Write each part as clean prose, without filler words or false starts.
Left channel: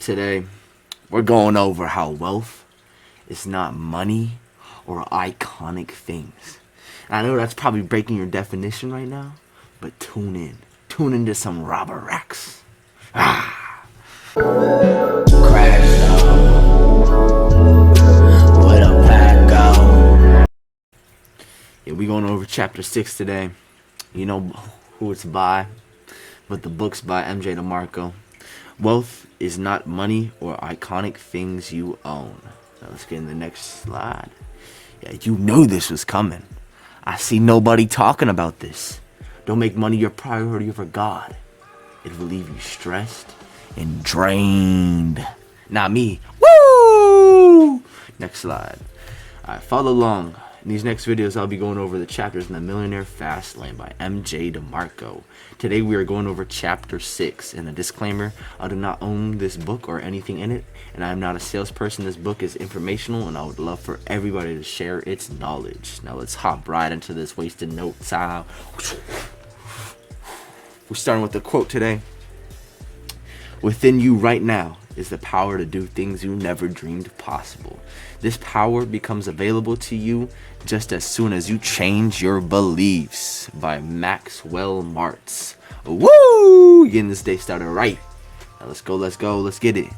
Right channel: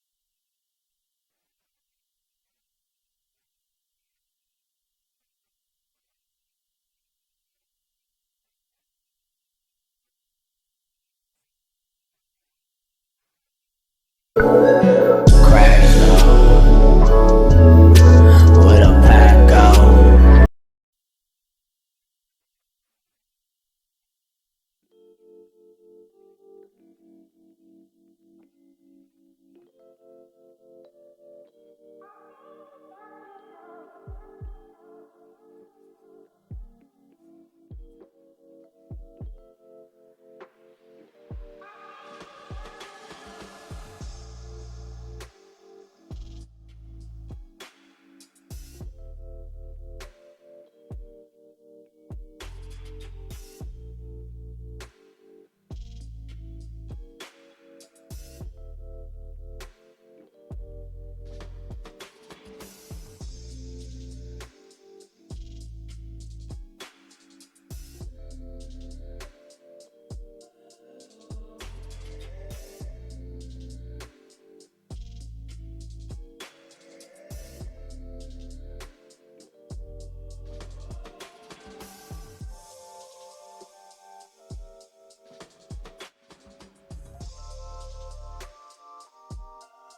Today, we're going over how wealth is not money or iconic things. I know that's probably breaking your definition right now, but tune in. Tune into some Robert Rex. Crash with a pack out. Yeah, we going over chapter 6 today. You know who it's by, but the book's by MJ DeMarco. Wealth is not money or iconic things you own. Now let's get in the next slide. Yeah, you knew this was coming. I see nobody talking about this. Don't make money your priority over God. It will leave you stressed and drained. Not me. Woo! Next slide. Alright, follow along. In these next videos, I'll be going over the chapters in the Millionaire Fast Lane by MJ DeMarco. Today we are going over chapter 6, and a disclaimer, I do not own this book or anything in it, and I am not a salesperson. This book is informational, and I would love for everybody to share its knowledge. Now let's hop right into this wasted no time. We're starting with the quote today. Within you right now is the power to do things you never dreamed possible. This power becomes available to you just as soon as you change your beliefs, by Maxwell Martz. Woo! Getting this day started right. Now let's get it.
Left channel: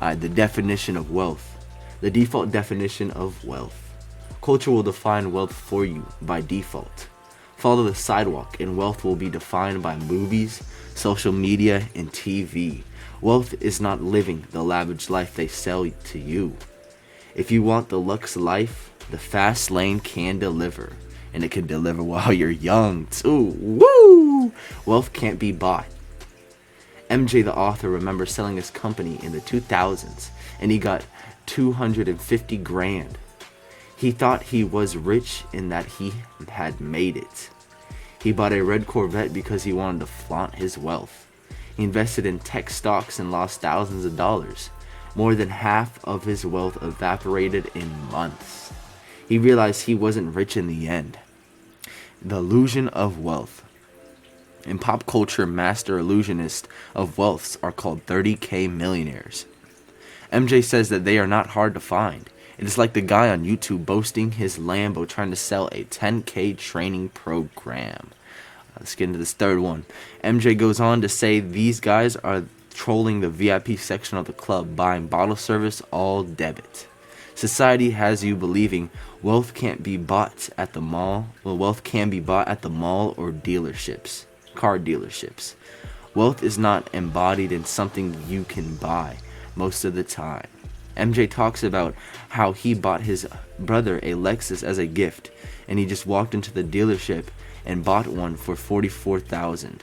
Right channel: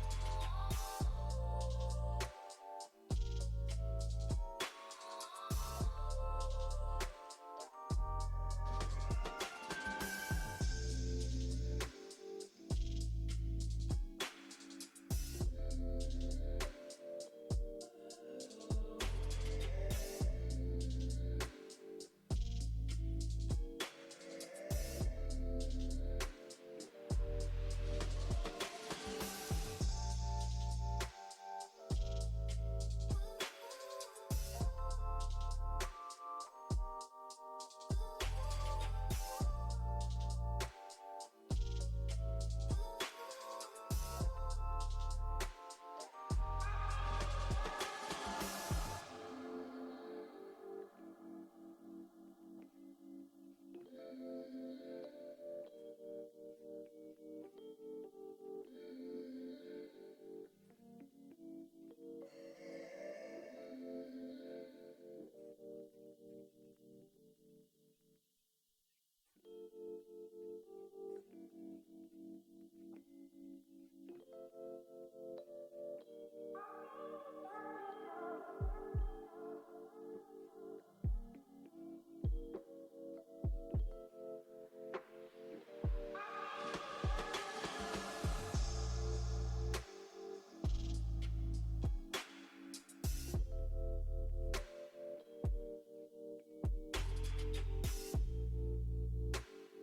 The definition of wealth. The default definition of wealth. Culture will define wealth for you by default. Follow the sidewalk and wealth will be defined by movies, social media, and TV. Wealth is not living the lavish life they sell to you. If you want the luxe life, the fast lane can deliver. And it can deliver while you're young too. Woo! Wealth can't be bought. MJ the author remembers selling his company in the 2000s and he got 250 grand. He thought he was rich in that he had made it. He bought a red Corvette because he wanted to flaunt his wealth. He invested in tech stocks and lost thousands of dollars. More than half of his wealth evaporated in months. He realized he wasn't rich in the end. The illusion of wealth. In pop culture, master illusionists of wealth are called 30K millionaires. MJ says that they are not hard to find. It is like the guy on YouTube boasting his Lambo trying to sell a 10K training program. Let's get into this third one. MJ goes on to say these guys are trolling the VIP section of the club, buying bottle service all debit. Society has you believing wealth can't be bought at the mall. Well, wealth can be bought at the mall or dealerships, car dealerships. Wealth is not embodied in something you can buy most of the time. MJ talks about how he bought his brother a Lexus as a gift, and he just walked into the dealership and bought one for $44,000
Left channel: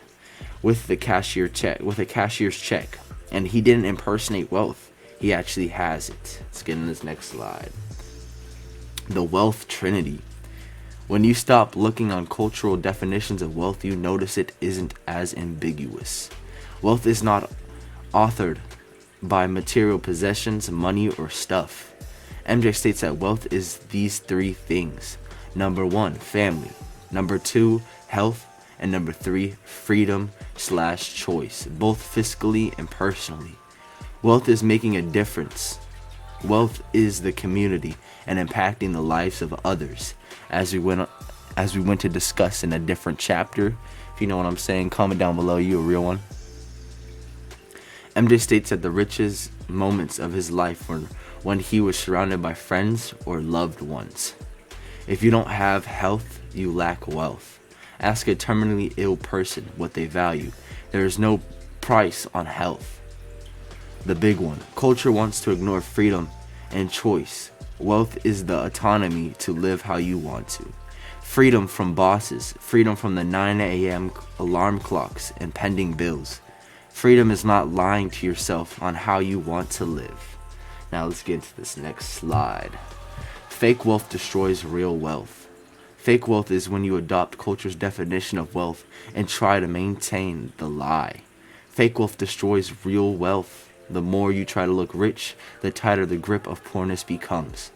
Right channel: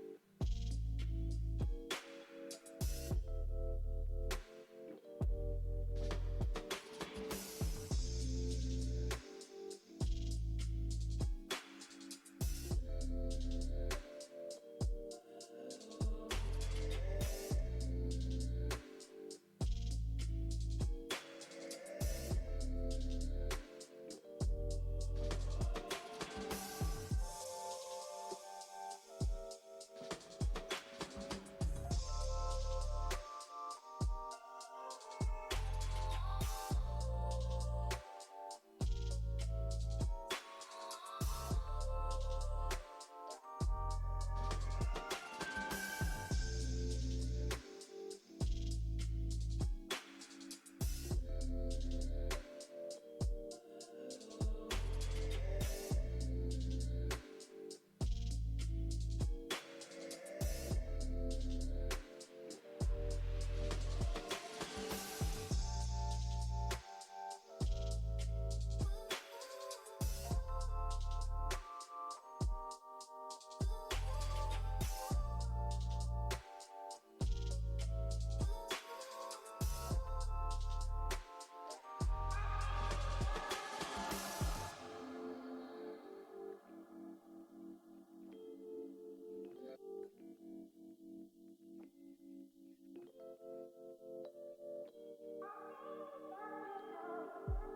with a cashier's check, and he didn't impersonate wealth. He actually has it. Let's get in this next slide. The wealth trinity. When you stop looking on cultural definitions of wealth, you notice it isn't as ambiguous. Wealth is not authored by material possessions, money, or stuff. MJ states that wealth is these three things. Number 1, family. Number 2, health. And number 3, freedom/choice, both fiscally and personally. Wealth is making a difference. Wealth is the community and impacting the lives of others. As we went to discuss in a different chapter. If you know what I'm saying, comment down below. You a real one. MJ states that the richest moments of his life were when he was surrounded by friends or loved ones. If you don't have health, you lack wealth. Ask a terminally ill person what they value. There is no price on health. The big one. Culture wants to ignore freedom and choice. Wealth is the autonomy to live how you want to. Freedom from bosses. Freedom from the 9 a.m. alarm clocks and pending bills. Freedom is not lying to yourself on how you want to live. Now let's get into this next slide. Fake wealth destroys real wealth. Fake wealth is when you adopt culture's definition of wealth and try to maintain the lie. Fake wealth destroys real wealth. The more you try to look rich, the tighter the grip of poorness becomes.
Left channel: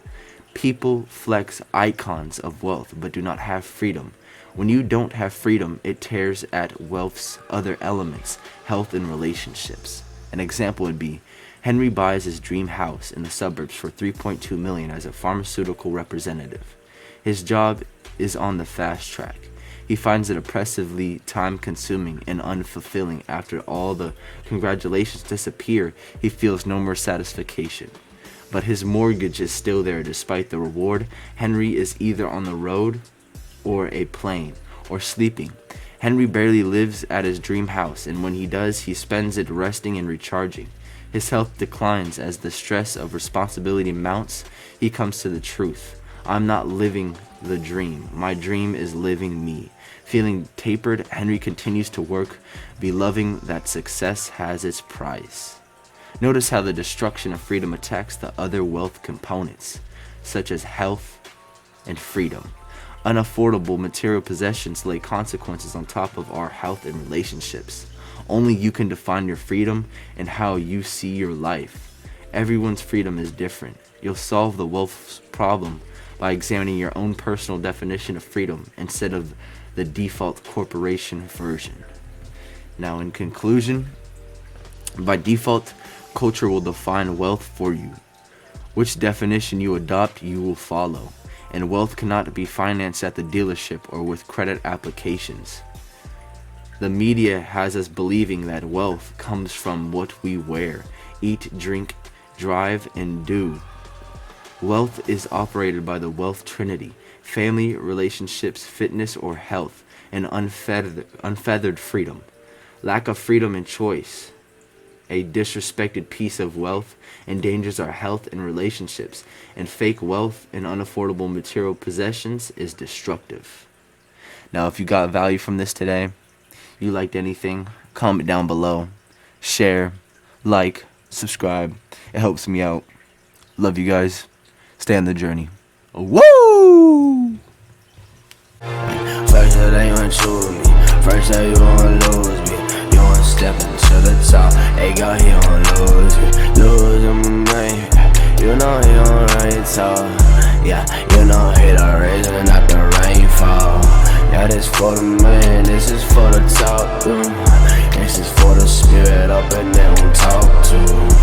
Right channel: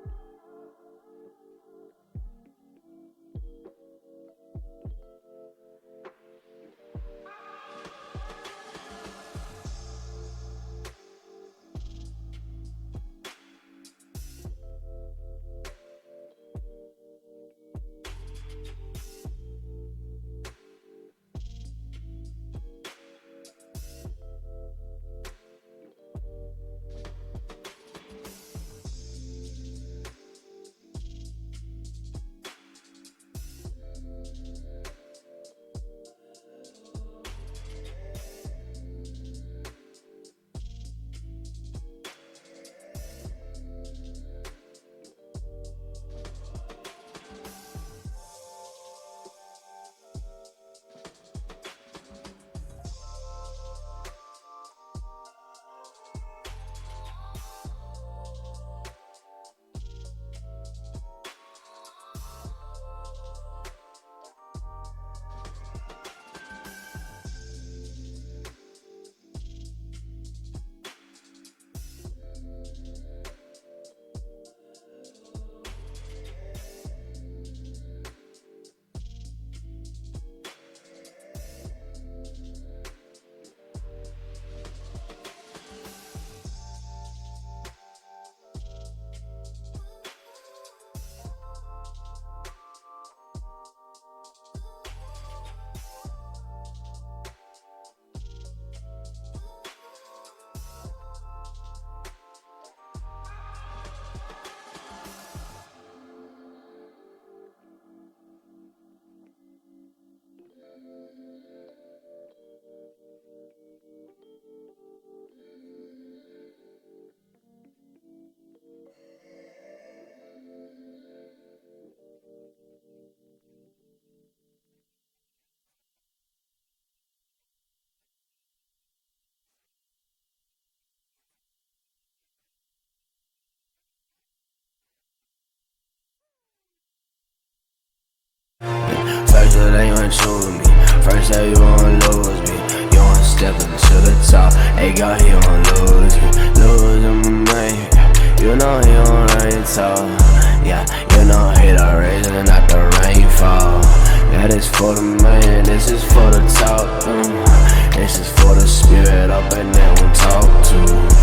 People flex icons of wealth but do not have freedom. When you don't have freedom, it tears at wealth's other elements, health and relationships. An example would be, Henry buys his dream house in the suburbs for $3.2 million as a pharmaceutical representative. His job is on the fast track. He finds it oppressively time-consuming and unfulfilling. After all the congratulations disappear, he feels no more satisfaction. But his mortgage is still there despite the reward. Henry is either on the road or a plane or sleeping. Henry barely lives at his dream house, and when he does, he spends it resting and recharging. His health declines as the stress of responsibility mounts. He comes to the truth. I'm not living the dream. My dream is living me. Feeling tapered, Henry continues to work, believing that success has its price. Notice how the destruction of freedom attacks the other wealth components, such as health and freedom. Unaffordable material possessions lay consequences on top of our health and relationships. Only you can define your freedom and how you see your life. Everyone's freedom is different. You'll solve the wealth problem by examining your own personal definition of freedom instead of the default corporation version. Now, in conclusion, by default, culture will define wealth for you. Which definition you adopt, you will follow. And wealth cannot be financed at the dealership or with credit applications. The media has us believing that wealth comes from what we wear, eat, drink, drive, and do. Wealth is operated by the wealth trinity: family, relationships, fitness, or health, and unfeathered freedom. Lack of freedom and choice. A disrespected piece of wealth endangers our health and relationships, and fake wealth and unaffordable material possessions is destructive. Now, if you got value from this today, you liked anything, comment down below, share, like, subscribe. It helps me out. Love you guys. Stay on the journey. Woo! First it ain't want you with me. First that you won't lose me. You want stepping to the top. Hey God, he won't lose me. Losing my man. You know he won't rain tall. Yeah, you know he the reason not the rainfall. Yeah, this for the man, this is for the talk. This is for the spirit up and then we talk to.